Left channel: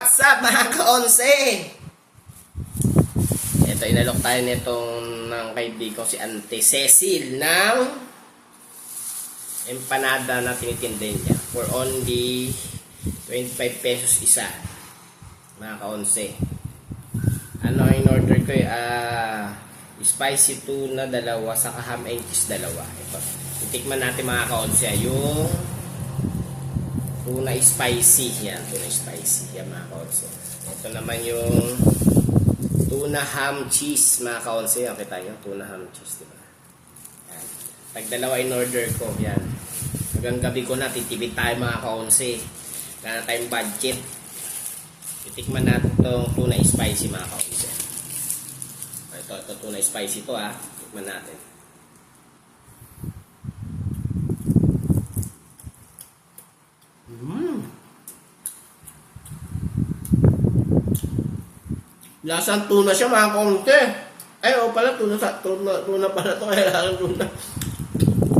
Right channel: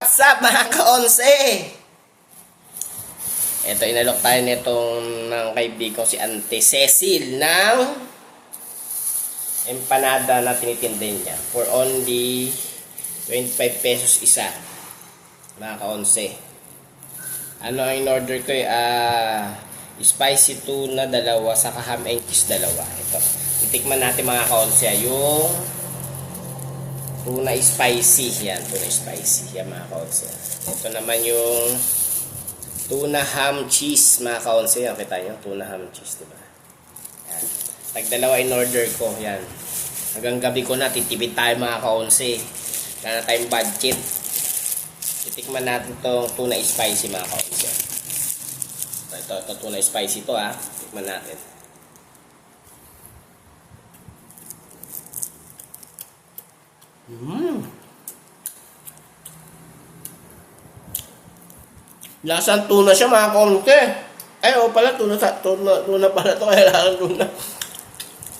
What's up mga ka-onse? Ito, inalok tayo nitong ng kaibigan si Ante Cecil ng empanada na tinitinda niya for only 25 pesos isa mga ka-onse. Ano ang in-order ko spicy tuna dalawa saka ham and cheese dalawa. Ito, itikman natin mga ka-onse yung tuna spicy. Yan, tuna spicy. Yan mga kaonse. Ito naman yung tuna ham cheese mga kaonse. Yan, kita nyo, tuna ham cheese, diba? Yan. Tagdalawa in order ko. Yan. Hanggang gabi ko na, titipid tayo mga kaonse. Wala na tayong budget. Titikman natin itong tuna spicy mga kaonse. Ito tuna spicy to ha. Tikman natin. Lasang tuna siya mga konti. Ay, pala, tuna pala ito. Kailangan tuna.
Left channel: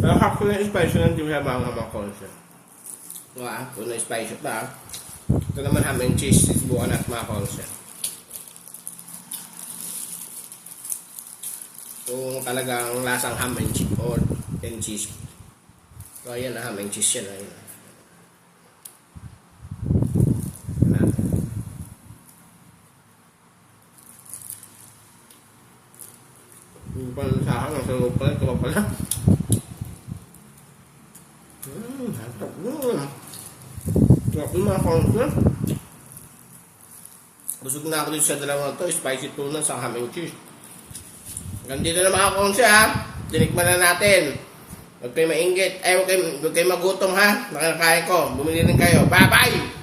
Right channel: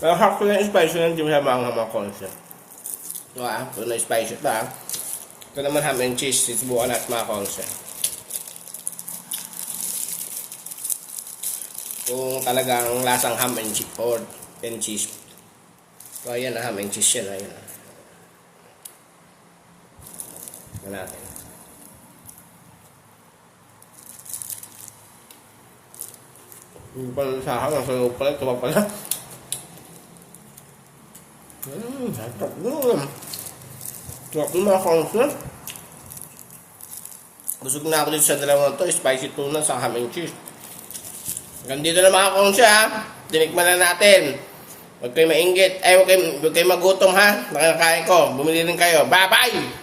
Pero half ko na spicy ng di siya mga konti. Ito tuna spicy ito Ito naman ham and cheese. Sisibukan natin mga konti. Kung talagang lasang ham and cheese or cheese. So, ayan ham and cheese yan. Ayan natin. Hindi pa lang sa akin. Ang sarap pala. Ito pa pala. Sarap nun. Sarap nun mga konti. Busog na ako dito sa dalawang ito. Spicy tuna sa ham and cheese. Hanggang dito na mga konti Tinikman na natin. Huwag kayo mainggit. Huwag kayo magutom ha. Nakakain ko. Bumili rin kayo. Bye bye!